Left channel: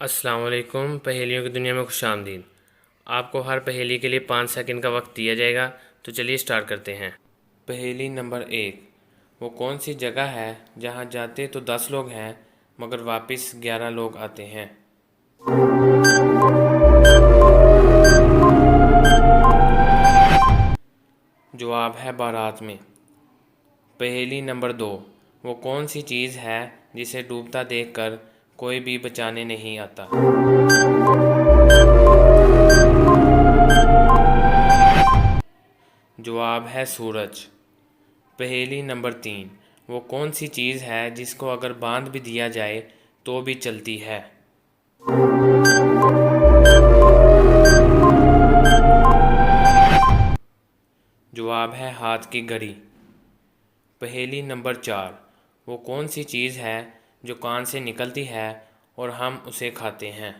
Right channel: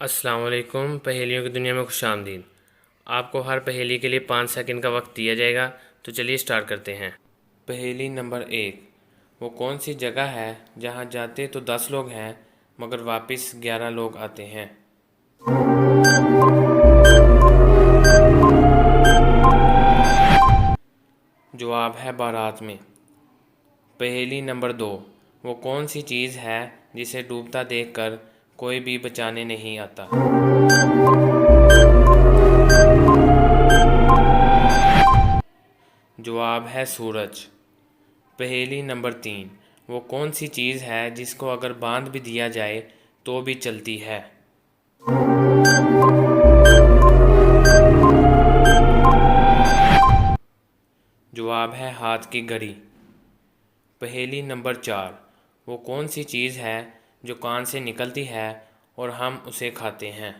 अस्सलाम वालेकुम। पहेलियों की दुनिया में खुशामदीद। आपको हर पहेली के लिए 5 सेकंड का वक्त दिया जाएगा। तो चलिए स्टार्ट करते हैं। पहेली नंबर 1। वो कौन सी जगह है जहाँ जाते तो 10 लोग हैं मगर वापस 11 लोग आते हैं? जवाब है बारात में। पहेली नंबर 2। वो कौन सी चीज़ है जिसे डूबता देखकर कोई भी बचाने नहीं आता? जवाब है सूरज। पहेली नंबर 3। वो कौन सी चीज़ है जिसको अगर बांध भी दिया जाए तो भी चलती है? जवाब है हाथ की घड़ी। पहेली नंबर 4। वो कौन सी चीज़ है जो कान से निकलती है और हम उसे खाते हैं?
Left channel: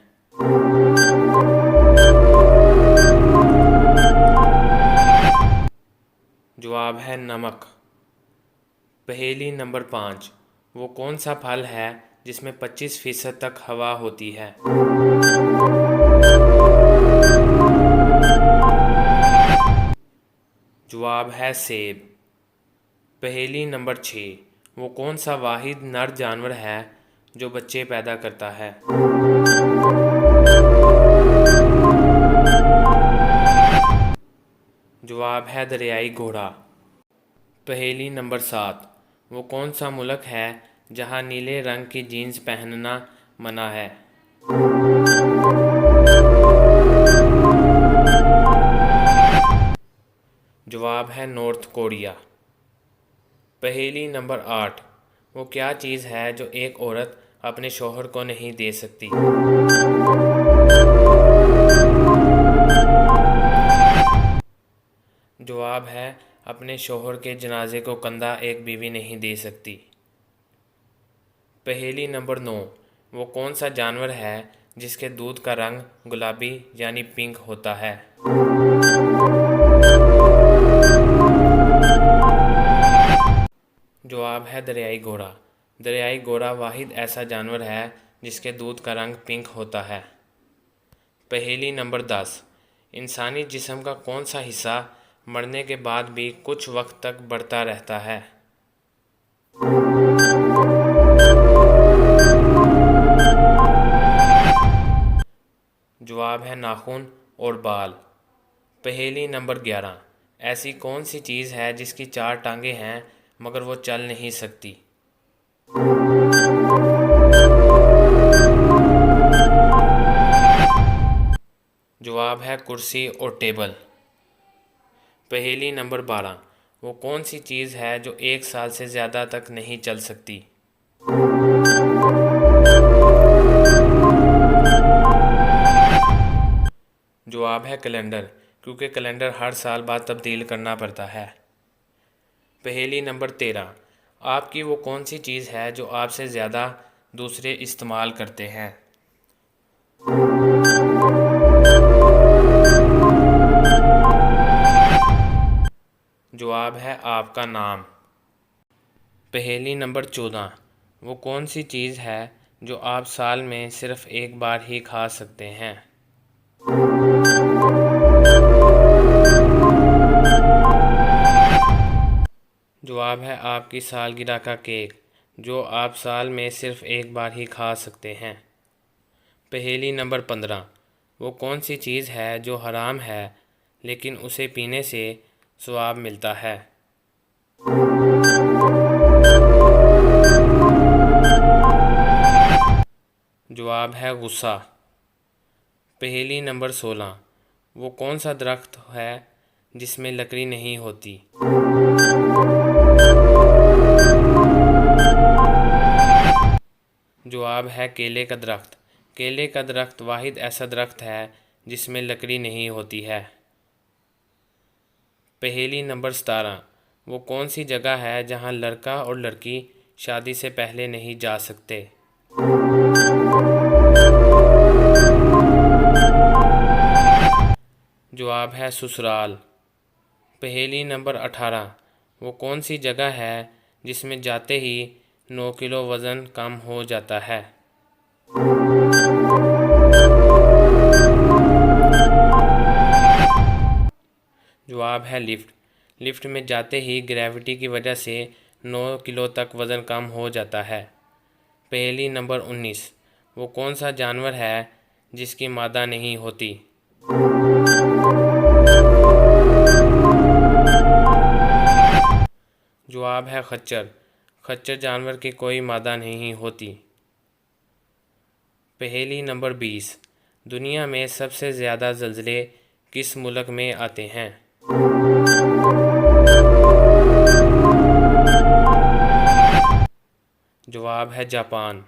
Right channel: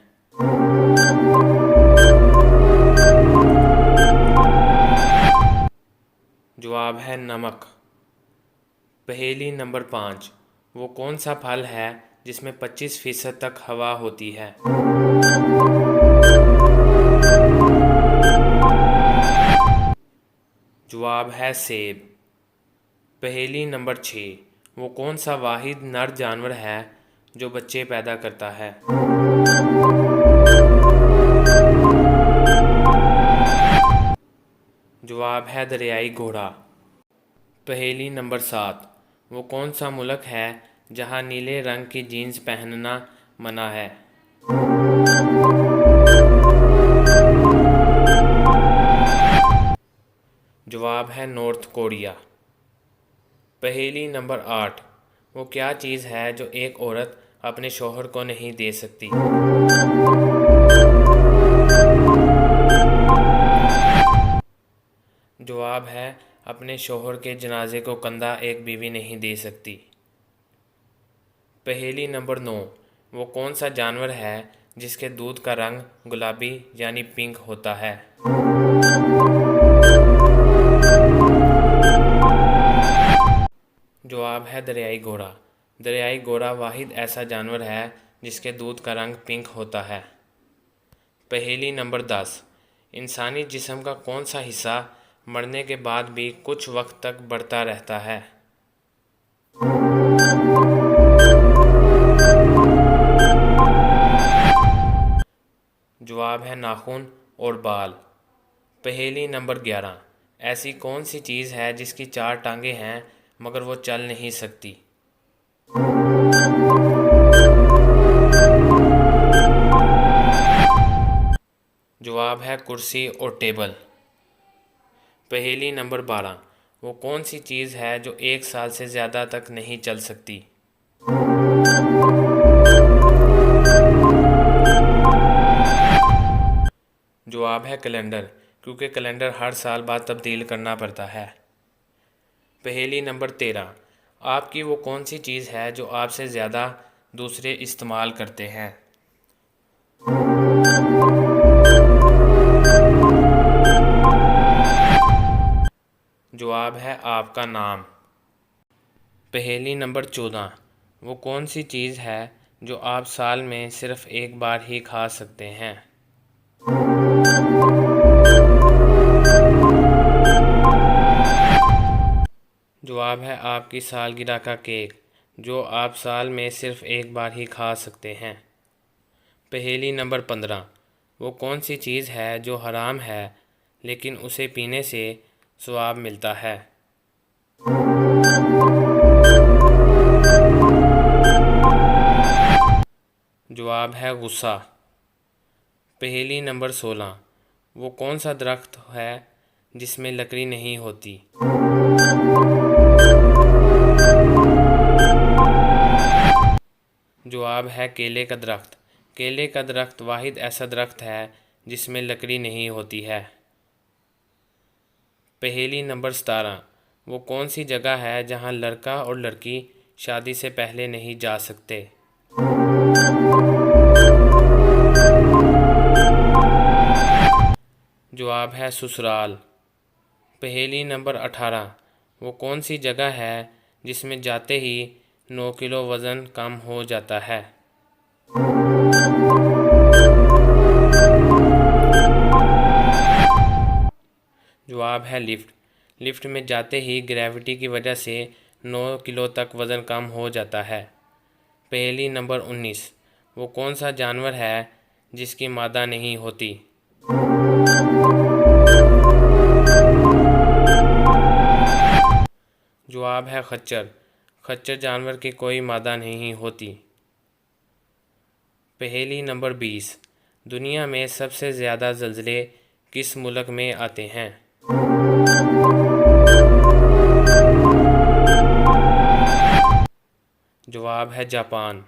जवाब है नमक। पहेली नंबर 5। वो कौन सा फल है जिसमें 25% तक हवा होती है? जवाब है सेब। पहेली नंबर 6। वो कौन सा वाहिद नर जानवर है जो बच्चे पैदा करता है? जवाब है दरियाई घोड़ा। पहेली नंबर 7। वो कौन सा मुल्क है जहाँ नीले रंग की जीन्स पहनना मना है? जवाब है नॉर्थ कोरिया। पहेली नंबर 8। वो क्या चीज़ है जो एक औरत अपने शौहर को नहीं दे सकती? जवाब है अपने शौहर के जनाजे को कंधा एक बीवी नहीं दे सकती। पहेली नंबर 9। वो कौन सा जानवर है जिसके दूध का रंग गुलाबी यानी पिंक होता है? जवाब है दरियाई घोड़ा। दरियाई घोड़ा वाहिद ऐसा जानवर है जिसके दूध का रंग पिंक होता है। पहेली नंबर 10। इंसानी जिस्म का कौन सा हिस्सा मरने के बाद भी कुछ वक्त तक बढ़ता रहता है? जवाब है नाखून और बाल। पहेली नंबर 11। ऐसी कौन सी चीज़ है जिसकी 4 टांगे हैं मगर वो चल नहीं सकती? जवाब है कुर्सी और टेबल। पहेली नंबर 12। वो कौन सी चीज़ है जो 1 साल से ज़्यादा तक नहीं चल सकती? जवाब है कैलेंडर, क्योंकि कैलेंडर हर साल बाद तब्दील करना पड़ता है। पहेली नंबर 13। आपकी वो कौन सी चीज़ है जो आपसे ज़्यादा दूसरे इस्तेमाल करते हैं? जवाब है आपका नाम। पहेली नंबर 14। वो कौन सी चीज़ है जो आप साल में सिर्फ एक बार ही खा सकते हैं? जवाब है आपकी सालगिरह का केक, जो आप साल में सिर्फ एक बार ही खा सकते हैं। पहेली नंबर 15। वो कौन सी चीज़ है जो हराम है लेकिन उसे पीने से सवाब मिलता है? जवाब है गुस्सा। पहेली नंबर 16। वो कौन सा दरख्त है जिसमें लकड़ी नहीं होती? जवाब है केले का दरख्त। केले का दरख्त वाहिद ऐसा दरख्त है जिसमें लकड़ी नहीं होती है। पहेली नंबर 17। वो कौन सी जगह है जहाँ लड़का और लड़की शादी से पहले नहीं जा सकते? जवाब है ससुराल। पहेली नंबर 18। वो कौन सी जगह है जिसमें जाते ही 9 किलो वज़न कम हो जाता है? जवाब है लिफ्ट। लिफ्ट में जाते ही ग्रेविटी की वजह से 9 किलो तक वज़न कम हो जाता है। पहेली नंबर 19, वो कौन सा जानवर है जिसकी मादा नहीं होती? जवाब है खच्चर। खच्चर जानवर की कोई मादा नहीं होती। पहेली नंबर 20, दुनिया में सबसे ज़्यादा ज़लज़ले किस मुल्क में आते हैं? जवाब है जापान।